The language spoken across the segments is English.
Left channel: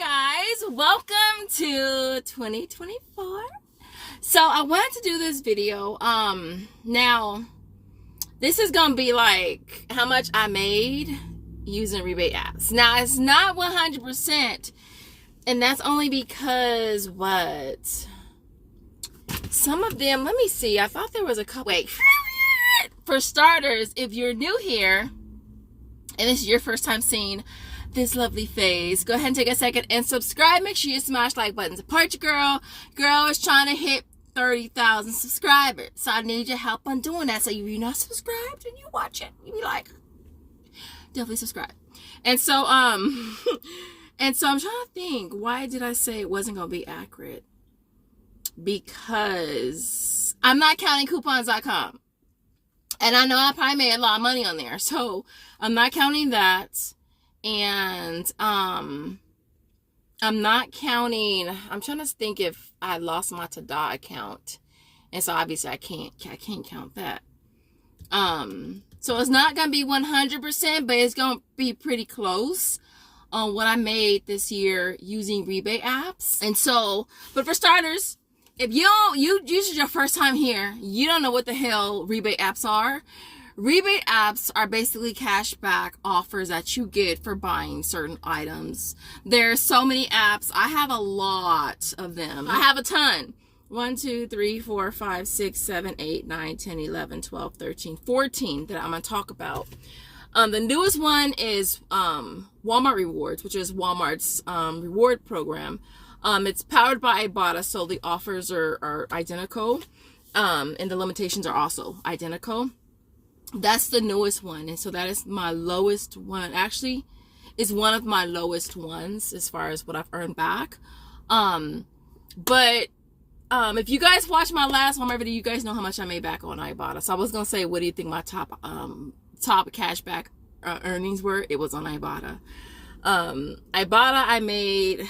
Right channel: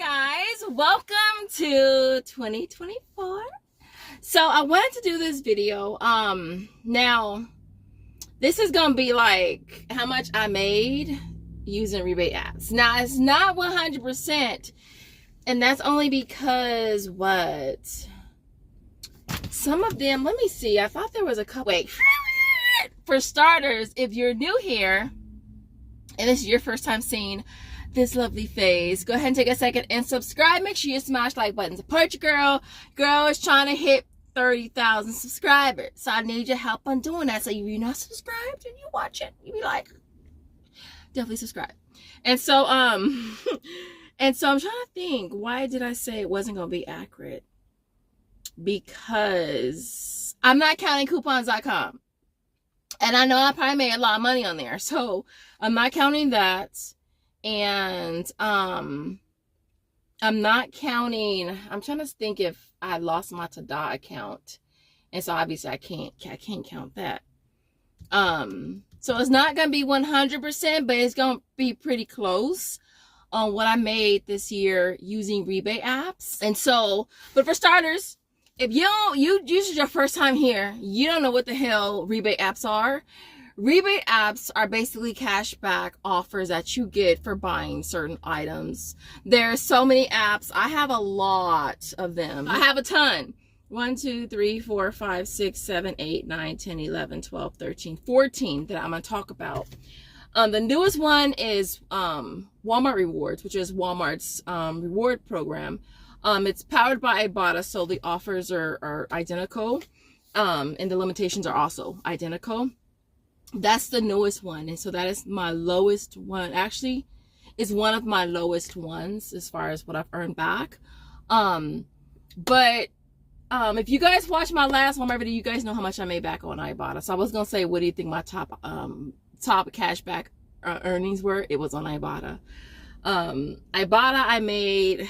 guys, welcome to 2024. So I wanted to do this video. Now this is gonna be like how much I made using rebate apps. Now it's not 100%, and that's only because some of them, let me see, I thought there was a couple. Wait, for starters, if you're new here and this is your first time seeing this lovely face, go ahead and take a second and subscribe. Make sure you smash like button. Support your girl. Girl is trying to hit 30,000 subscribers, so I need your help on doing that. So if you're not subscribed and you watch it, you be like, definitely subscribe. And so I'm trying to think, why did I say it wasn't gonna be accurate? Because I'm not counting coupons.com, and I know I probably made a lot of money on there, so I'm not counting that. And I'm not counting, I'm trying to think if I lost my Tada account, and so obviously I can't count that. So it's not gonna be 100%, but it's gonna be pretty close on what I made this year using rebate apps. And so, but for starters, if this is your first time here, you don't know what the hell rebate apps are. Rebate apps are basically cashback offers that you get for buying certain items. There are so many apps. I have a lot of them. I have a ton. 1, 2, 3, 4, 5, 6, 7, 8, 9, 10, 11, 12, 13, 14 that I'm going to talk about. The newest one is Walmart Rewards, which is Walmart's reward program. It's powered by Ibotta, so the offers are identical, and the limitations are also identical. That's the newest one, and so that is my lowest one. Actually, is one of my lowest ones as far as what I've earned back. But if you guys watched my last Walmart video, you guys know how much I made back on Ibotta. So I was gonna say, what do you think my top cashback earnings were? It was on Ibotta. Ibotta, I made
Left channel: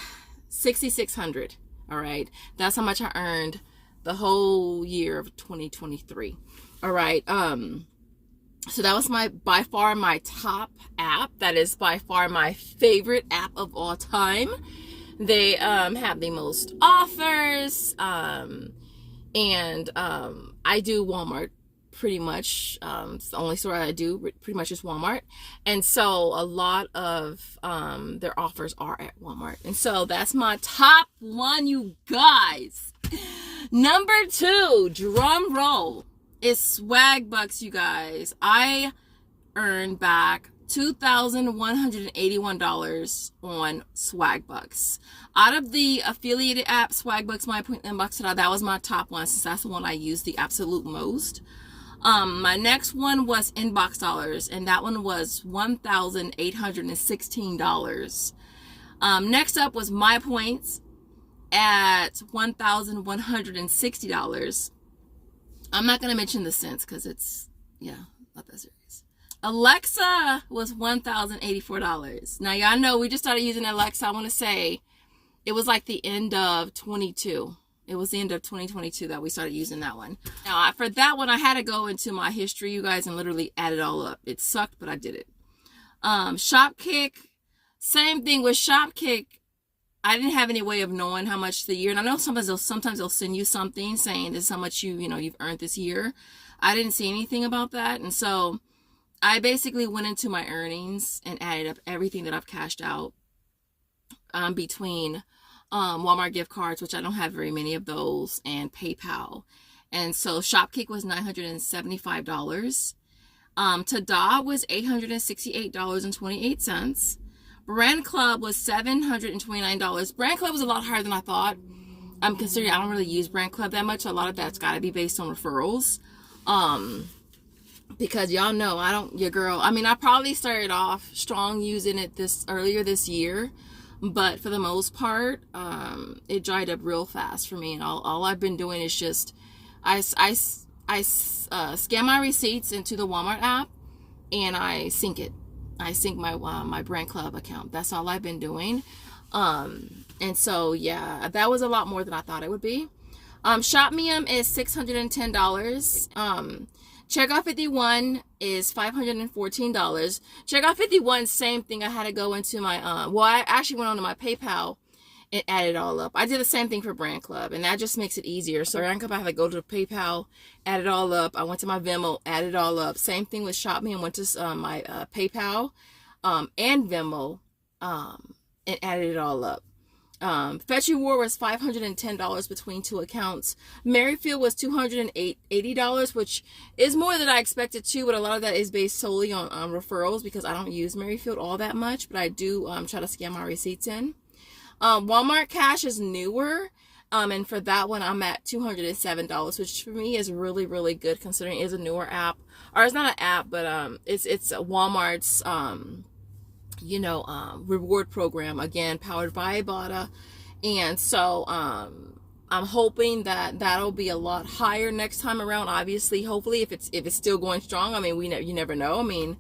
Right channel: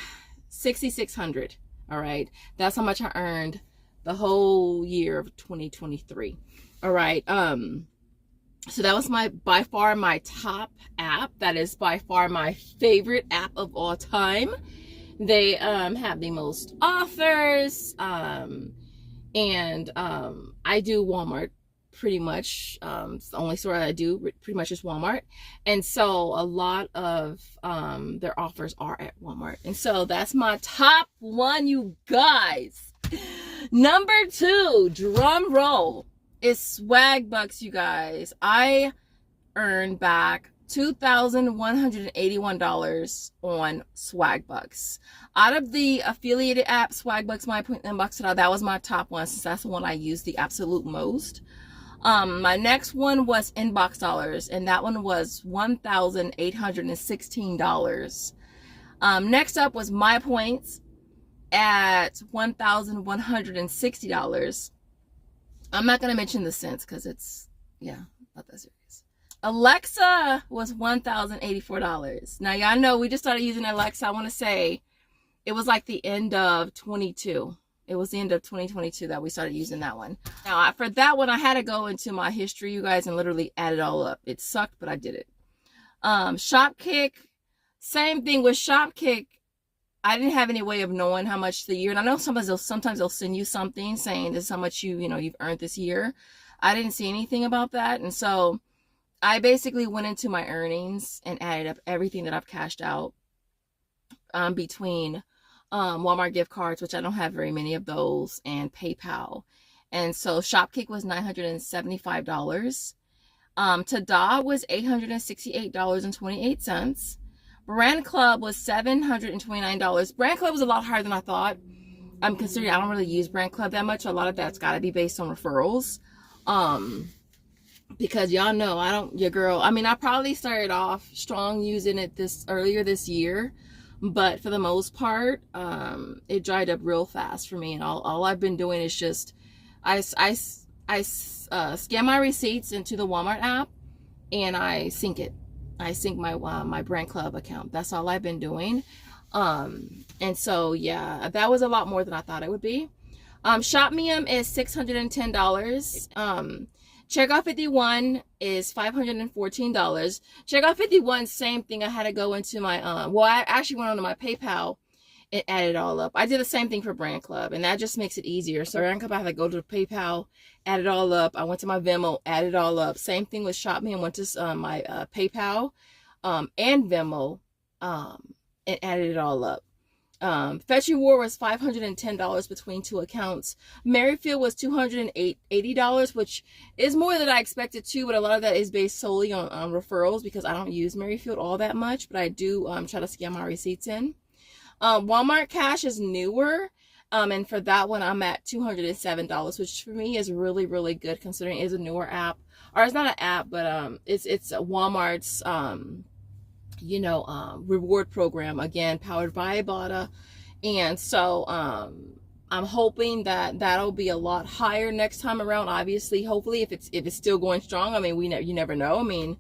$6,600. All right, that's how much I earned the whole year of 2023. All right. So that was by far my top app. That is by far my favorite app of all time. They have the most offers, and I do Walmart pretty much. It's the only store I do pretty much is Walmart, and so a lot of their offers are at Walmart, and so that's my top one, you guys. Number 2, drum roll, is Swagbucks, you guys. I earned back $2,181 on Swagbucks. Out of the affiliated app, Swagbucks, MyPoint, Inbox, that was my top one, since that's the one I use the absolute most. My next one was Inbox Dollars, and that one was $1,816. Next up was MyPoints at $1,160. I'm not going to mention the cents because it's, yeah, not that serious. Alexa was $1,084. Now, y'all know we just started using Alexa. I want to say it was like the end of 22. It was the end of 2022 that we started using that one. Now, for that one, I had to go into my history, you guys, and literally add it all up. It sucked, but I did it. Shopkick, same thing with Shopkick. I didn't have any way of knowing how much the year, and I know sometimes they'll send you something saying this is how much you've earned this year. I didn't see anything about that, and so I basically went into my earnings and added up everything that I've cashed out between Walmart gift cards, which I don't have very many of those, and PayPal. And so Shopkick was $975. Tada was $868.28. Brand Club was $729. Brand Club was a lot higher than I thought. I'm considering I don't really use Brand Club that much. A lot of that's got to be based on referrals. Because y'all know I probably started off strong using it earlier this year, but for the most part, it dried up real fast for me. And all I've been doing is just I scan my receipts into the Walmart app, and I sync it. I sync my Brand Club account. That's all I've been doing. And so, yeah, that was a lot more than I thought it would be. ShopMium is $610. Checkout 51 is $514. Checkout 51, same thing. I had to go into my, I actually went onto my PayPal and add it all up. I did the same thing for Brand Club, and that just makes it easier. So Brand Club, I had to go to PayPal, add it all up. I went to my Venmo, add it all up. Same thing with ShopMe. I went to my PayPal and Venmo and added it all up. Fetch Reward was $510 between 2 accounts. Merryfield was $280, which is more than I expected too, but a lot of that is based solely on referrals because I don't use Merryfield all that much, but I do try to scan my receipts in. Walmart Cash is newer, and for that one I'm at $207, which for me is really, really good considering it is a newer app. Or it's not an app, but it's Walmart's reward program, again powered by Ibotta, and so I'm hoping that that'll be a lot higher next time around. Obviously, hopefully, if it's still going strong. I mean, you never know. I mean,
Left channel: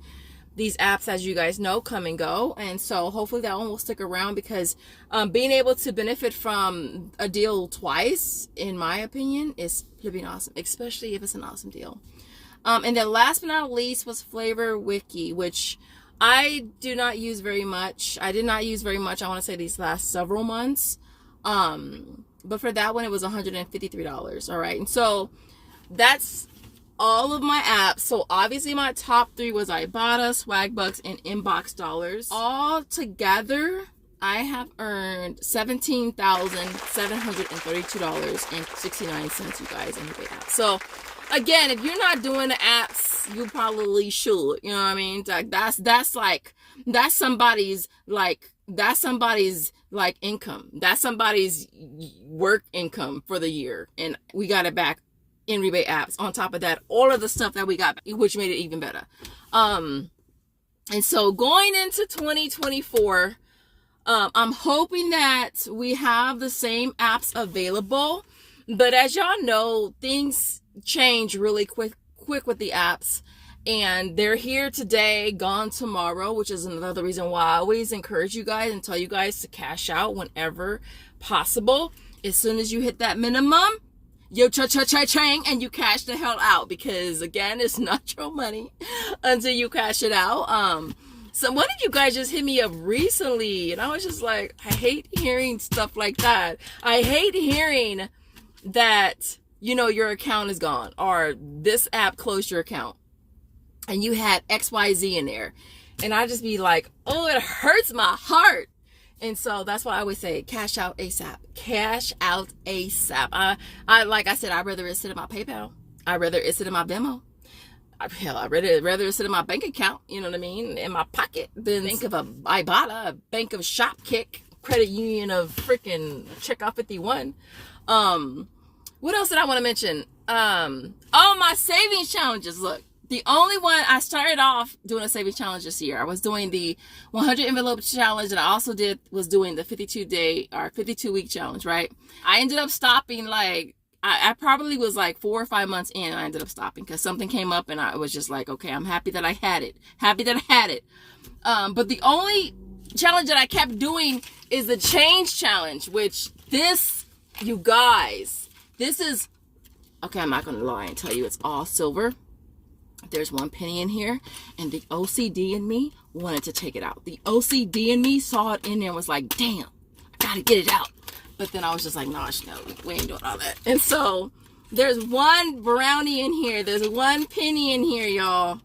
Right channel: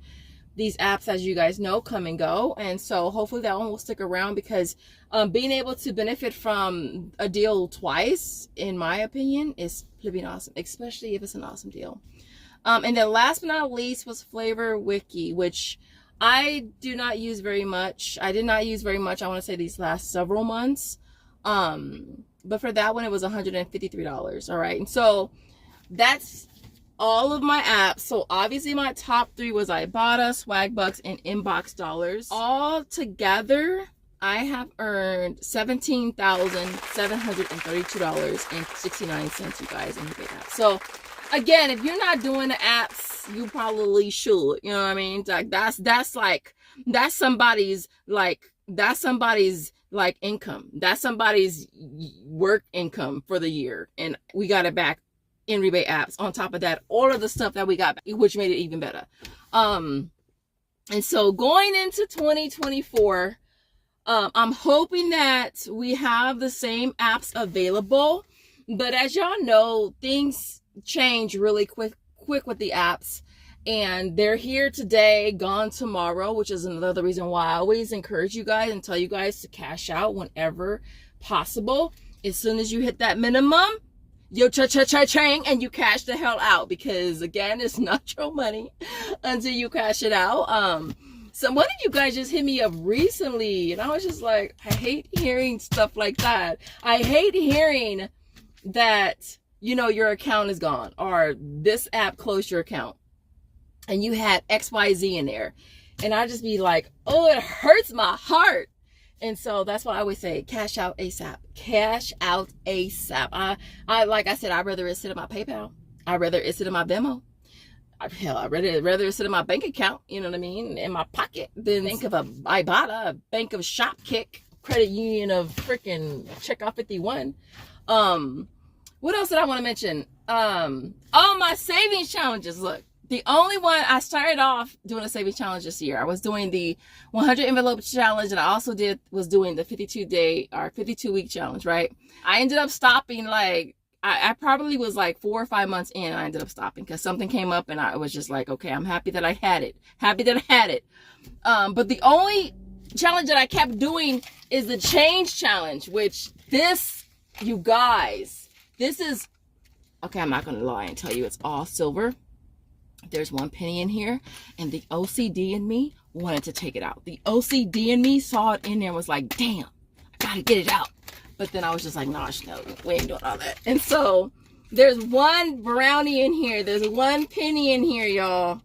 these apps, as you guys know, come and go, and so hopefully that one will stick around because being able to benefit from a deal twice, in my opinion, is flipping awesome, especially if it's an awesome deal. And then last but not least was Flavor Wiki, which I do not use very much. I did not use very much, I want to say, these last several months. But for that one, it was $153. All right. And so that's all of my apps. So obviously my top 3 was Ibotta, Swagbucks, and Inbox Dollars. All together, I have earned $17,732.69, you guys, in Rebate apps. So again, if you're not doing the apps, you probably should. You know what I mean? Like that's somebody's income. That's somebody's work income for the year, and we got it back in Rebate apps. On top of that, all of the stuff that we got back, which made it even better. And so going into 2024, I'm hoping that we have the same apps available, but as y'all know, things change really quick with the apps, and they're here today, gone tomorrow, which is another reason why I always encourage you guys and tell you guys to cash out whenever possible. As soon as you hit that minimum, yo cha-cha-cha-chang, and you cash the hell out, because again, it's not your money until you cash it out. So one of you guys just hit me up recently, and I was just like, I hate hearing stuff like that. I hate hearing that, your account is gone, or this app closed your account and you had XYZ in there. And I just be like, oh, it hurts my heart. And so that's why I always say, cash out ASAP. Cash out ASAP. I like I said, I'd rather it sit in my PayPal. I'd rather it sit in my Venmo. I'd rather it sit in my bank account, you know what I mean, in my pocket, than think of a Ibotta, a bank of Shopkick, credit union of freaking Checkout 51. What else did I want to mention? Oh, my savings challenges. Look, the only one, I started off doing a savings challenge this year. I was doing the 100 envelope challenge, and I also was doing the 52-week challenge, right? I ended up stopping, like, I probably was like 4 or 5 months in, and I ended up stopping because something came up, and I was just like, okay, I'm happy that I had it. But the only challenge that I kept doing is the change challenge, which this, you guys, this is, okay, I'm not going to lie and tell you it's all silver. There's 1 penny in here, and the OCD in me wanted to take it out. The OCD in me saw it in there and was like, damn, I got to get it out. But then I was just like, nah, no, we ain't doing all that. And so there's 1 brownie in here. There's 1 penny in here, y'all.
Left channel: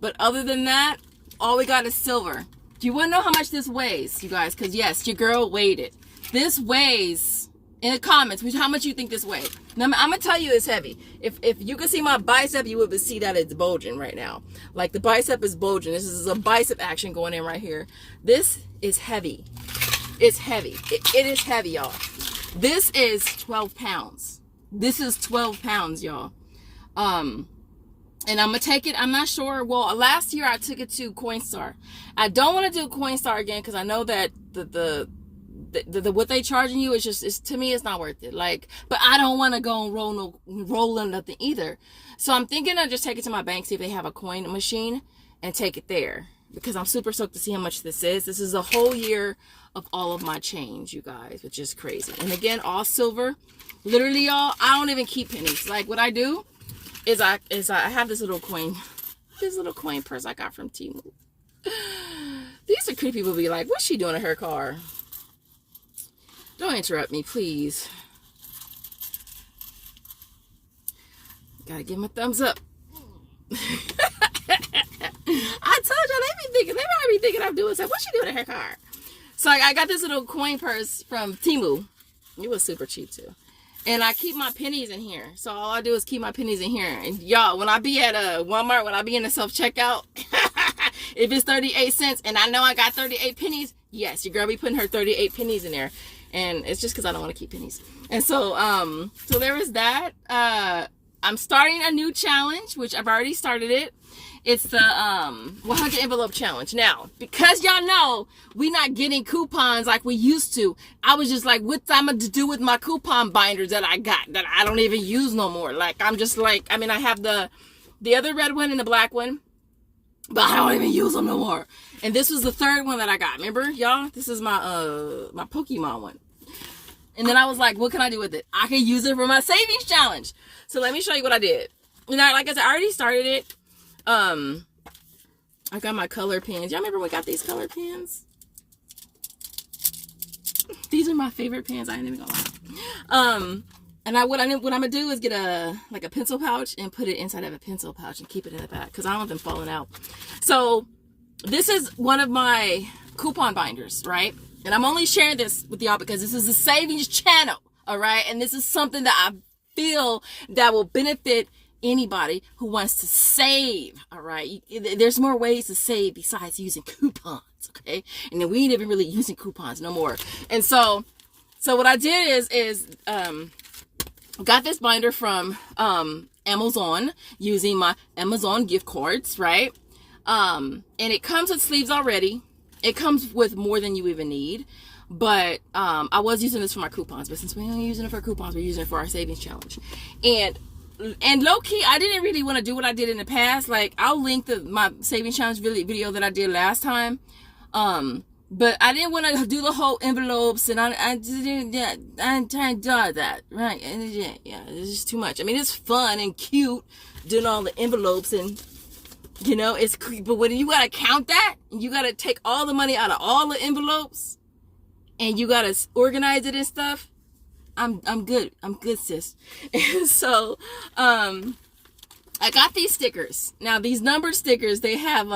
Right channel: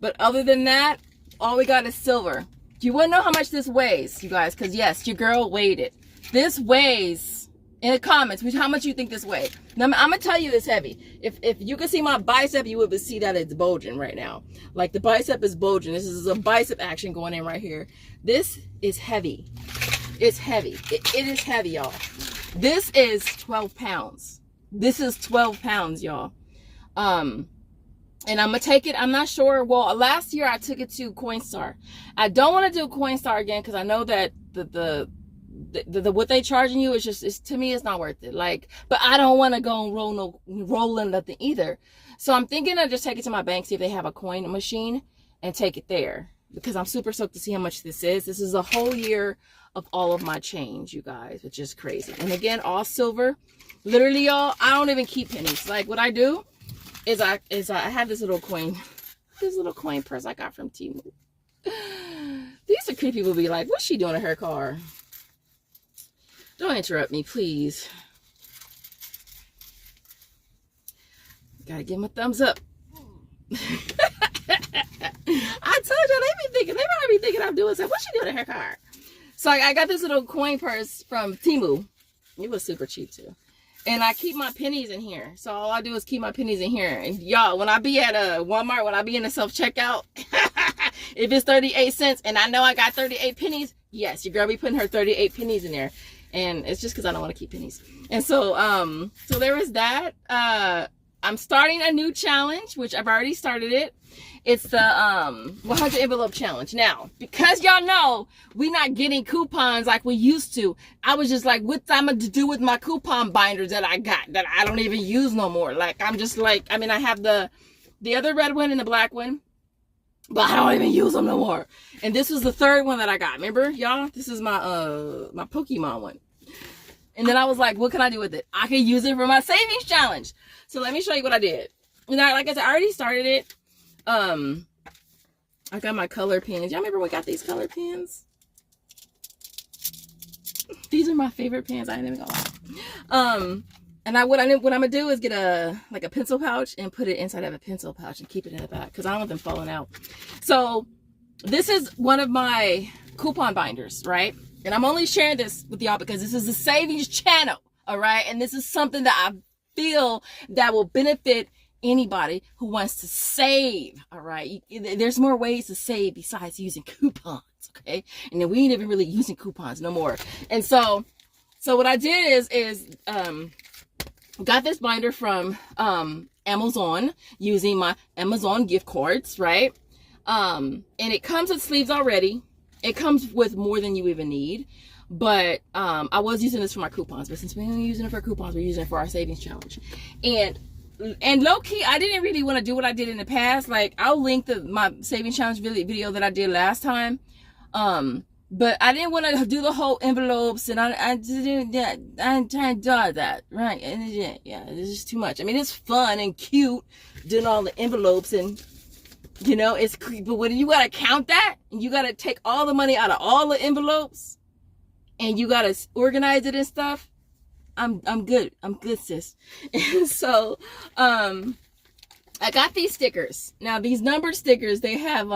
But other than that, all we got is silver. Do you want to know how much this weighs, you guys? Because yes, your girl weighed it. This weighs, in the comments, how much you think this weighs. Now, I'm going to tell you it's heavy. If you can see my bicep, you would see that it's bulging right now. Like, the bicep is bulging. This is a bicep action going in right here. This is heavy. It's heavy. It is heavy, y'all. This is 12 pounds. This is 12 pounds, y'all. And I'm going to take it. I'm not sure. Well, last year I took it to Coinstar. I don't want to do Coinstar again because I know that the what they charging you is just, to me, it's not worth it. Like, but I don't want to go and roll in nothing either. So I'm thinking I'll just take it to my bank, see if they have a coin machine, and take it there, because I'm super stoked to see how much this is. This is a whole year of all of my change, you guys, which is crazy. And again, all silver. Literally, y'all, I don't even keep pennies. Like, what I do is I have this little coin purse I got from Temu. These are creepy people be like, what's she doing in her car? Don't interrupt me, please. Gotta give him a thumbs up. I told you, they might be thinking I'm doing something. What she doing in her car? So I got this little coin purse from Temu. It was super cheap too. And I keep my pennies in here. So all I do is keep my pennies in here. And y'all, when I be at Walmart, when I be in the self-checkout, if it's 38 cents and I know I got 38 pennies, yes, your girl be putting her 38 pennies in there. And it's just because I don't want to keep pennies. And so, so there is that. I'm starting a new challenge, which I've already started it. It's the 100 envelope challenge. Now, because y'all know we not getting coupons like we used to, I was just like, what I'm going to do with my coupon binders that I got that I don't even use no more? Like, I'm just like, I mean, I have the other red one and the black one, but I don't even use them no more. And this was the third one that I got. Remember, y'all? This is my my Pokemon one. And then I was like, what can I do with it? I can use it for my savings challenge. So let me show you what I did. And like I said, I already started it. I got my color pens. Y'all remember we got these color pens? These are my favorite pens. I ain't even gonna lie. And what I'm gonna do is get a pencil pouch and put it inside of a pencil pouch and keep it in the back because I don't want them falling out. So this is one of my coupon binders, right? And I'm only sharing this with y'all because this is a savings channel, all right? And this is something that I feel that will benefit anybody who wants to save, all right? There's more ways to save besides using coupons, okay? And then we ain't even really using coupons no more. And so what I did is got this binder from Amazon using my Amazon gift cards, right? And it comes with sleeves already. It comes with more than you even need. But I was using this for my coupons. But since we ain't using it for coupons, we're using it for our savings challenge. And low-key, I didn't really want to do what I did in the past. Like, I'll link my savings challenge video that I did last time. But I didn't want to do the whole envelopes. And I didn't try to do that. Right. And yeah, it's just too much. I mean, it's fun and cute doing all the envelopes and... You know, it's creepy, but when you gotta count that, and you gotta take all the money out of all the envelopes, and you gotta organize it and stuff. I'm good, sis. And so, I got these stickers. Now these numbered stickers, they have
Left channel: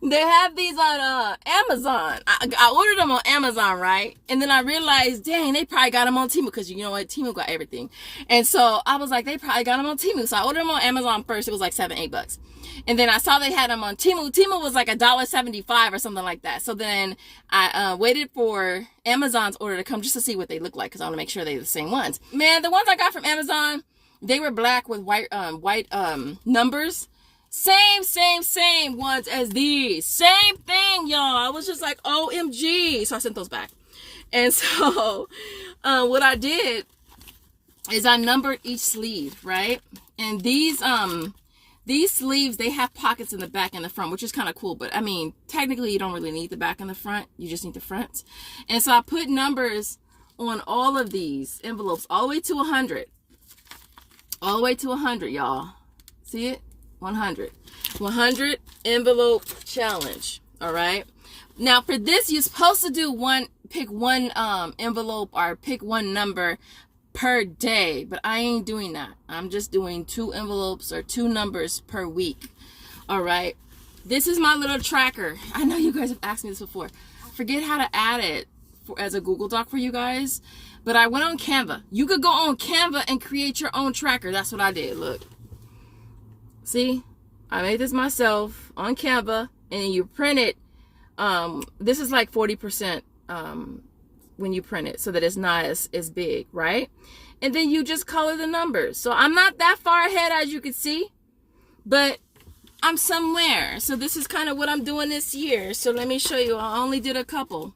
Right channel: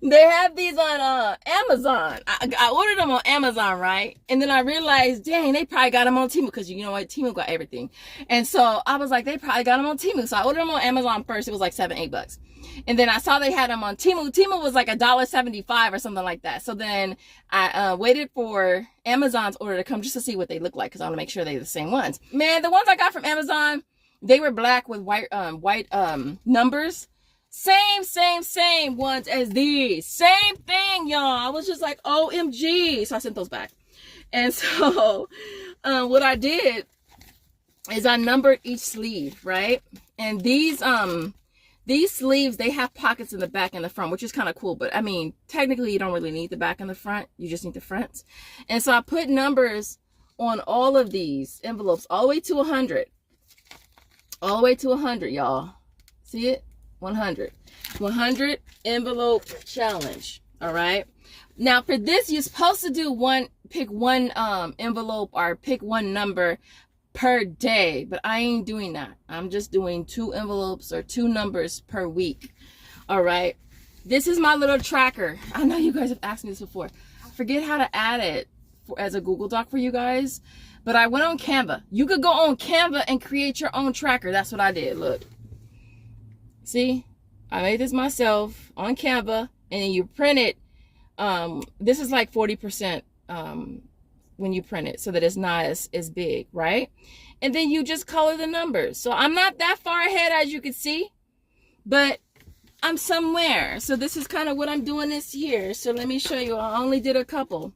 they have these on Amazon. I ordered them on Amazon, right? And then I realized, dang, they probably got them on Temu because you know what, Temu got everything. And so I was like, they probably got them on Temu. So I ordered them on Amazon first. It was like $7-8. And then I saw they had them on Temu. Temu was like $1.75 or something like that. So then I waited for Amazon's order to come just to see what they look like because I want to make sure they're the same ones. Man, the ones I got from Amazon, they were black with white numbers. Same ones as these. Same thing, y'all. I was just like, OMG. So I sent those back. And so what I did is I numbered each sleeve, right? And these sleeves, they have pockets in the back and the front, which is kind of cool. But I mean, technically you don't really need the back and the front. You just need the fronts. And so I put numbers on all of these envelopes all the way to 100. All the way to 100, y'all. See it? 100 envelope challenge. All right. Now for this, you're supposed to do pick one envelope or pick one number per day, but I ain't doing that. I'm just doing 2 envelopes or 2 numbers per week. All right. This is my little tracker. I know you guys have asked me this before. I forget how to add it as a Google Doc for you guys, but I went on Canva. You could go on Canva and create your own tracker. That's what I did. Look. See, I made this myself on Canva, and you print it. This is like 40% when you print it so that it's not as big, right? And then you just color the numbers. So I'm not that far ahead as you can see, but I'm somewhere. So this is kind of what I'm doing this year. So let me show you. I only did a couple.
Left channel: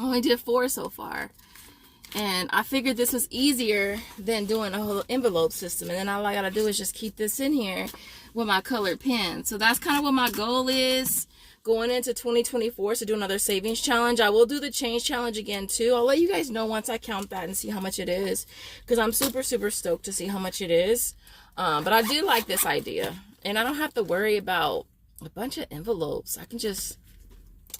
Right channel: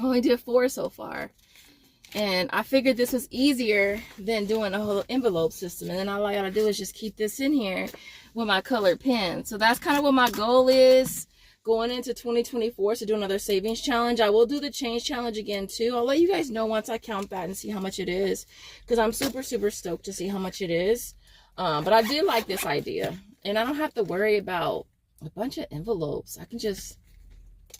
I only did 4 so far. And I figured this was easier than doing a whole envelope system. And then all I gotta do is just keep this in here with my colored pen. So that's kind of what my goal is going into 2024, to do another savings challenge. I will do the change challenge again too. I'll let you guys know once I count that and see how much it is, because I'm super stoked to see how much it is. But I did like this idea, and I don't have to worry about a bunch of envelopes. I can just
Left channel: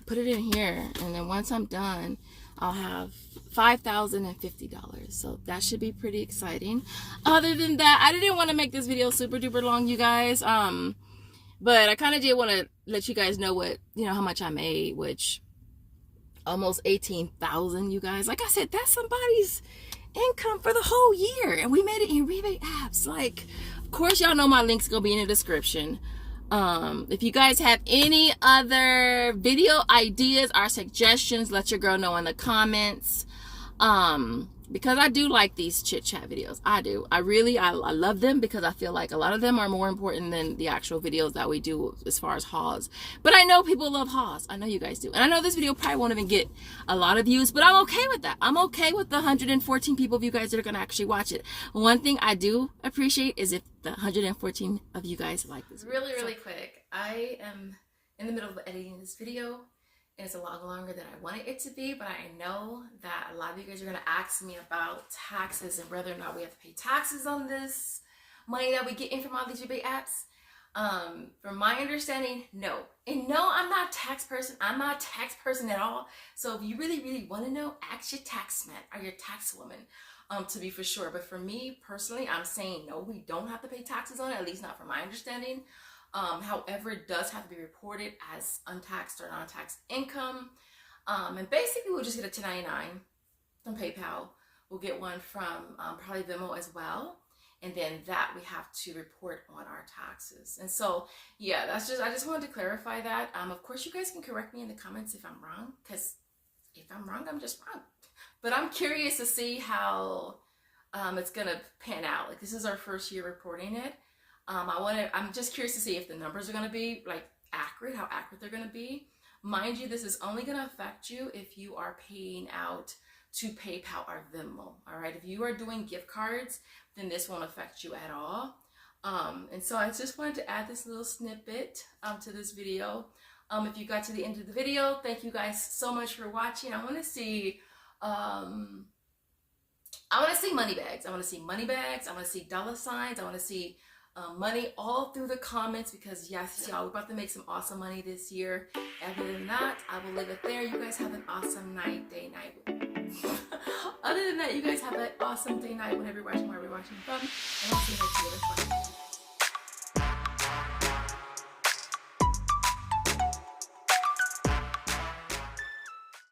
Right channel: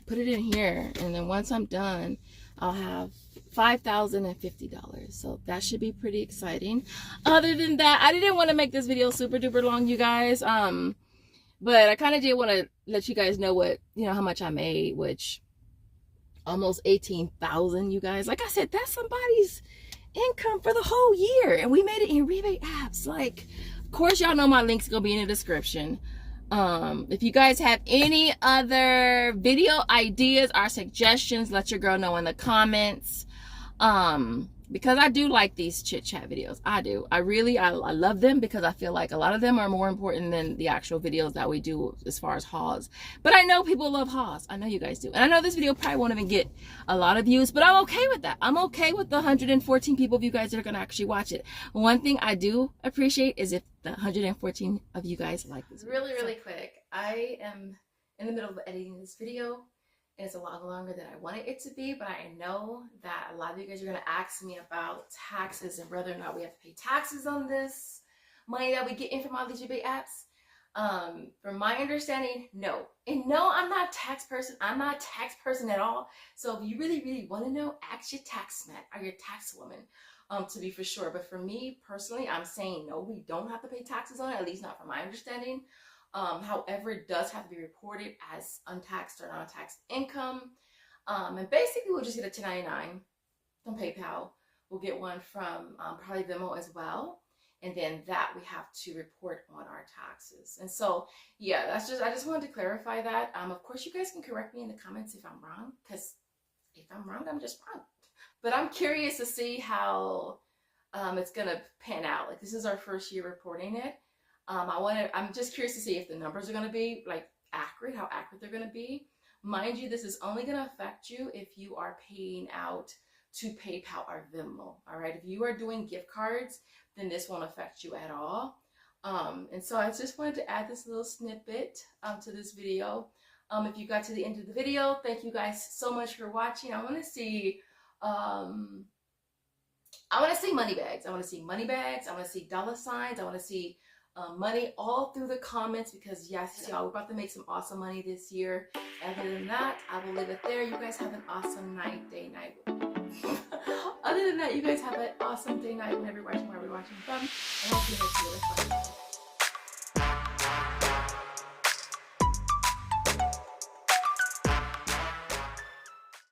put it in here, and then once I'm done, I'll have $5,050. So that should be pretty exciting. Other than that, I didn't want to make this video super duper long, you guys. But I kind of did want to let you guys know what, how much I made, which almost 18,000, you guys. Like I said, that's somebody's income for the whole year, and we made it in Rebate apps. Like, of course, y'all know my link's gonna be in the description. If you guys have any other video ideas or suggestions, let your girl know in the comments. Because I do like these chit chat videos. I do. I love them, because I feel like a lot of them are more important than the actual videos that we do as far as hauls. But I know people love hauls. I know you guys do. And I know this video probably won't even get a lot of views, but I'm okay with that. I'm okay with the 114 people of you guys that are going to actually watch it. One thing I do appreciate is if the 114 of you guys like this video. Really quick. I am in the middle of editing this video. And it's a lot longer than I wanted it to be, but I know that a lot of you guys are gonna ask me about taxes and whether or not we have to pay taxes on this money that we get in from all these rebate apps. From my understanding, no. And no, I'm not a tax person. I'm not a tax person at all. So if you really wanna know, ask your tax man or your tax woman to be for sure. But for me personally, I'm saying no, we don't have to pay taxes on it, at least not from my understanding. However, it does have to be reported as untaxed or non-taxed income. And basically, we'll just get a 1099 from PayPal. We'll get one from probably Venmo as well. And then that we have to report on our taxes. And so, yeah, I just wanted to clarify that. Of course, you guys can correct me in the comments if I'm wrong, because if I'm wrong, I'm just wrong. But I'm curious to see how it's going to pan out. Like, this is our first year reporting it. I'm just curious to see if the numbers are going to be like accurate, how accurate they're going to be. Mind you, this is only going to affect you if you are paying out to PayPal or Venmo. All right. If you are doing gift cards, then this won't affect you at all. And so I just wanted to add this little snippet to this video. If you got to the end of the video, thank you guys so much for watching. I want to see money bags. I want to see money bags. I want to see dollar signs. I want to see money all through the comments, because yes, y'all, we're about to make some awesome money this year. Other than that, I will leave it there. You guys have an awesome night, day, night. Other than that, you guys have an awesome day, night, whenever you're watching, wherever you're watching from. And I'll see you next video.